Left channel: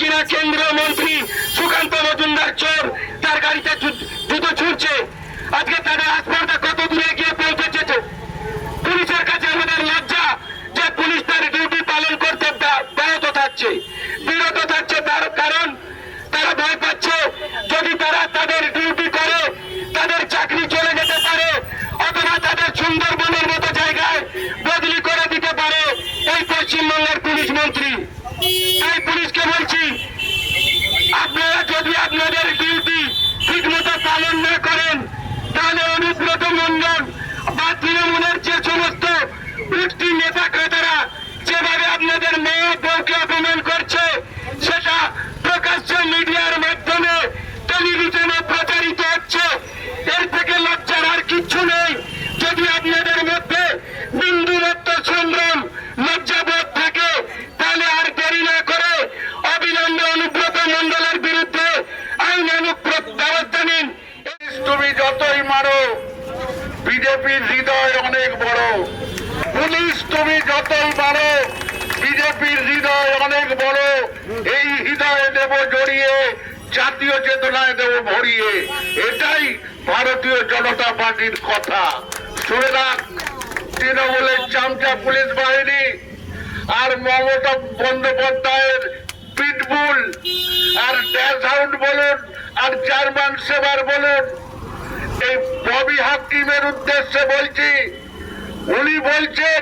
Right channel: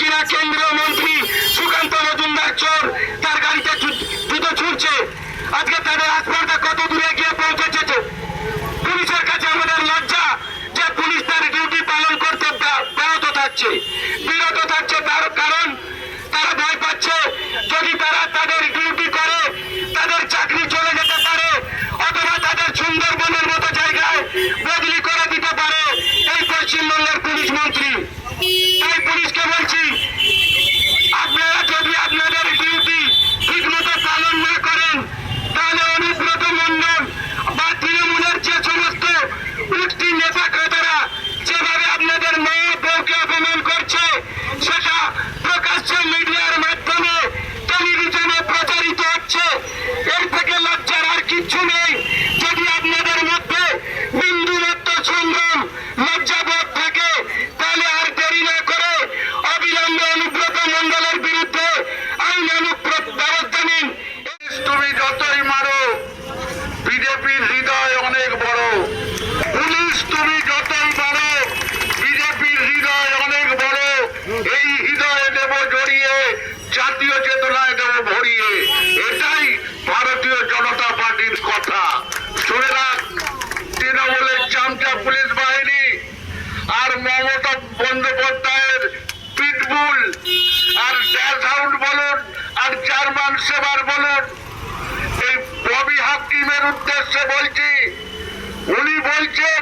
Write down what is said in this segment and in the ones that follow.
কিনা কেন্দ্রীয় মন্ত্রী সুকান্ত মজুমদার চোর, তার গাড়িতে জুতো ছুটছে আজকে তাদের আসপারটা কত দূরে গিয়ে পৌঁছেছে পুলিশের কাছে আমাদের লজ্জা যে পুলিশ তার ডিউটি পালন করতে ব্যাহত থাকছে। বিরত থাকছে তার কারণ তারা ভয় পাচ্ছে যদি তারা তাদের ডিউটি করে, তাদের চাকরি চলে যেতে পারে, অথবা তাদের সুন্দরবনের মতো জায়গায় বদলি করে পশ্চিমবঙ্গের পুলিশ মন্ত্রী। তাই পুলিশকে বলছি আপনারা যদি আপনাদের ডিউটি ঠিক মতো পালন না করেন তাহলে অনুব্রত মন্ডল বা তৃণমূলের যে সমস্ত উঠতি নেতা কর্তারা যেভাবে আপনাদের মা বউকে অপমান করছে সেটা প্রকাশ্য মিডিয়ার মাধ্যমে টেলিভিশনে প্রচারিত হচ্ছে এর থেকে লজ্জার আর কিচ্ছু নেই যদি আপনাদের মধ্যে বিন্দু মাত্র সংগ্রাম লজ্জাবোধ থাকে তাহলে আর দেরি না করে অবিলম্বে অনুব্রত মন্ডলের বিরুদ্ধে আইনানুক প্র- ব্যবস্থা নিন তুমি যতই মারো, বিজেপির হৃদয় অনেক বড়। পুলিশ তুমি যতই মারো, বিজেপির হৃদয় অনেক বড়। এই হৃদয়ে দেব জড়িয়ে, জাতীয় চেতনায় দেব ভরিয়ে। এটাই ভারতীয় জনতা পার্টির কথা। শুনে রাখ, তৃণমূলের চামচা পুলিশ বাহিনী আর মমতা বন্দ্যোপাধ্যায়ের পিটবুল, আর ড্যাশ হাউন্ড বলুন, আর জার্মান সেবার বলুন। এই ববি হাকিমের উদ্দেশ্যে বলছি, উনি বলছেন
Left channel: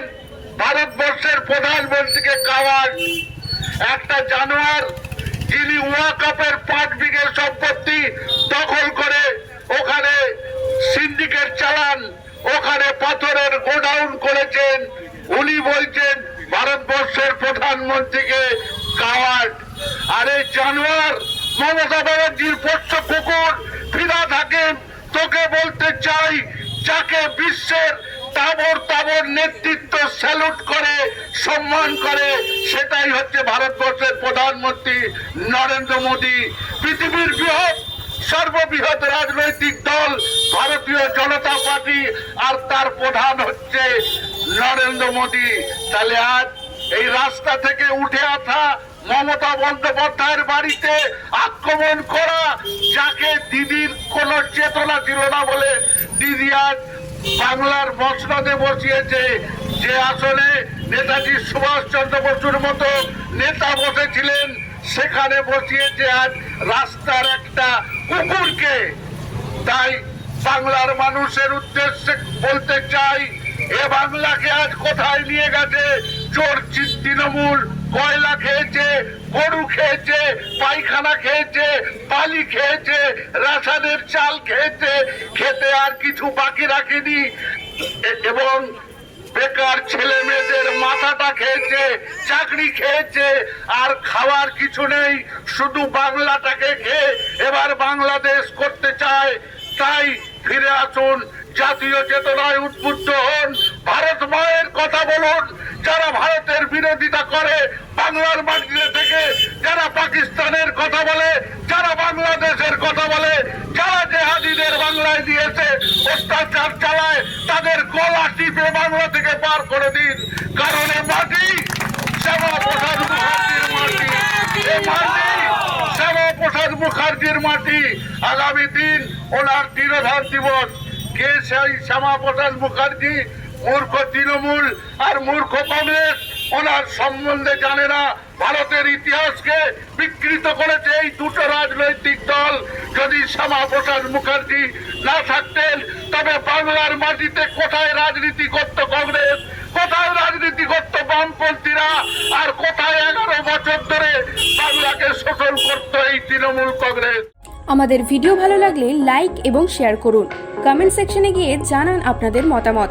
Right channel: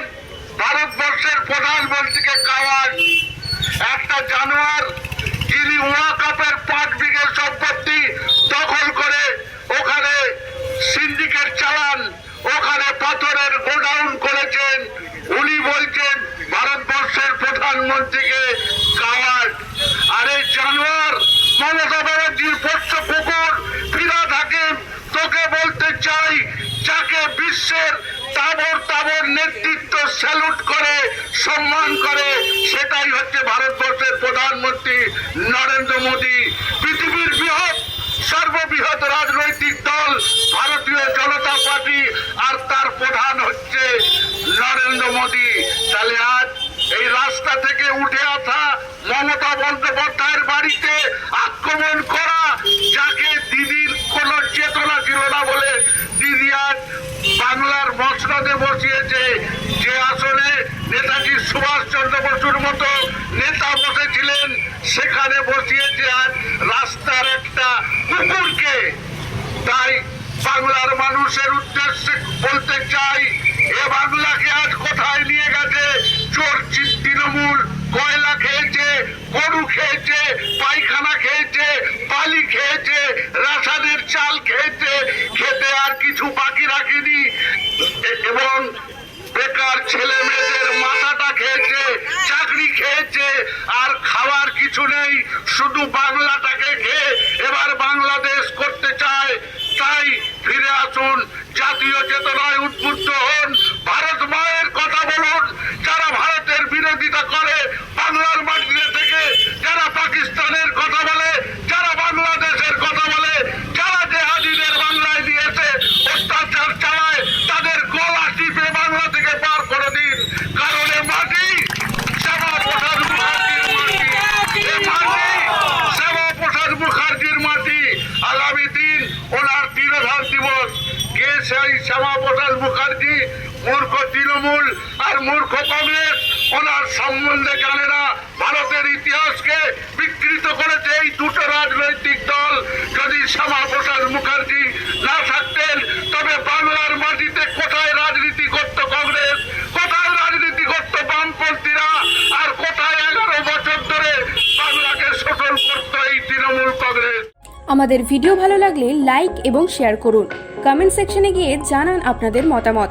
ভারতবর্ষের প্রধানমন্ত্রীকে কাওয়াজ একটা জানোয়ার যিনি ওয়াকাপের পাঁচ বিঘে সম্পত্তি দখল করে ওখানে সিন্ডিকেট চালান, ওখানে পাথরের গোডাউন করেছেন, উনি বলছেন ভারতবর্ষের প্রধানমন্ত্রীকে কাওয়াজ আরে জানোয়ার মমতা ব্যানার্জির পোষ্য কুকুর ফিরা থাকেন তোকে বলতে চাই, যাকে বিশ্বের তাবর তাবর নেতৃত্ব স্যালুট করে, সম্মান করে, সেটাই হচ্ছে ভারতবর্ষের প্রধানমন্ত্রী নরেন্দ্র মোদী। পৃথিবীর বৃহৎ, সর্ববৃহৎ রাজনৈতিক দল ভারতীয় জনতা পার্টি, আর তার প্রধান হচ্ছে নরেন্দ্র মোদী। তাহলে আজ এই রাস্তা থেকে উঠে আসা মমতা বন্দ্যোপাধ্যায়ের বাড়িতে আক্রমণ করা যাকে দিদির কোনো চেতনা ছিল না বলে দিদি আজ বাংলার মসনদে বসিয়েছে। যে আসনে নেতাজি সুভাষচন্দ্র বসুর মতো নেতা বসেছিলেন, সেখানে বসিয়েছে আজ রাস্তার একটা কুকুরকে। তাই বাংলার মানুষের উদ্দেশ্যে বলতে চাই, এ বাংলাকে আজ কোথায় নিয়ে গেছে? চোর তৃণমূল কয়লা খেয়েছে গরু খেয়েছে, পায়খানা খেয়েছে, বালি খেয়েছে রাসানের চাল খেয়েছে, খেতে আর কিছু বাকি রাখেনি। এবং বেকার ছেলে মেয়েদের মাথাটা খেয়েছে, চাকরি খেয়েছে, আর খাওয়ার কিছু নেই, শুধু বাংলাটাকে খেয়ে এবার বাংলাদেশ করতে চায়। তাই ফিরে আসুন, জাতীয় চেতনায় উদ্বুদ্ধ হন। ভারত মায়ের কথা বলুন যারা ভারতের বিরোধিতা করে, বাংলার মাটিতে থেকে যারা পাকিস্তানের কথা বলে, যারা বাংলাদেশের কথা বলে, যারা জেহাদিদের বাংলায় দিয়েছে, অত্যাচার চালায়, তাদের গলা টিপে বাংলা থেকে পার করে দিন। কারণ মাটি শ্যামা প্রসাদ মুখার্জির মাটি। এ মাটি প্রসাদ মুখার্জির মাটি। আগামী দিন ওনার তিরোধার দিবস। কে সেই শ্যামা প্রসাদ মুখার্জি? মূর্খ তৃণমূল আর মূর্খ কংগ্রেস, ওনার সম্বন্ধে জানে না, ভারতের ইতিহাসকে বিকৃত করেছে এই দুটো রাজনৈতিক দল। যদি শ্যামা প্রসাদ মুখার্জি না থাকতেন, তবে বাংলার মাটিতে কোথায় রাজনীতি করত কংগ্রেস? কোথায় রাজনীতি করত বামপন্থীরা? আর কোথায় এগারো বছর ধরে বাংলাকে শোষণ করত এই তৃণমূল কংগ্রেস? আমাদের ভিডিও ভালো লাগলে লাইক এবং শেয়ার করুন। কমেন্ট সেকশনে গিয়ে জানান আপনাদের মতামত।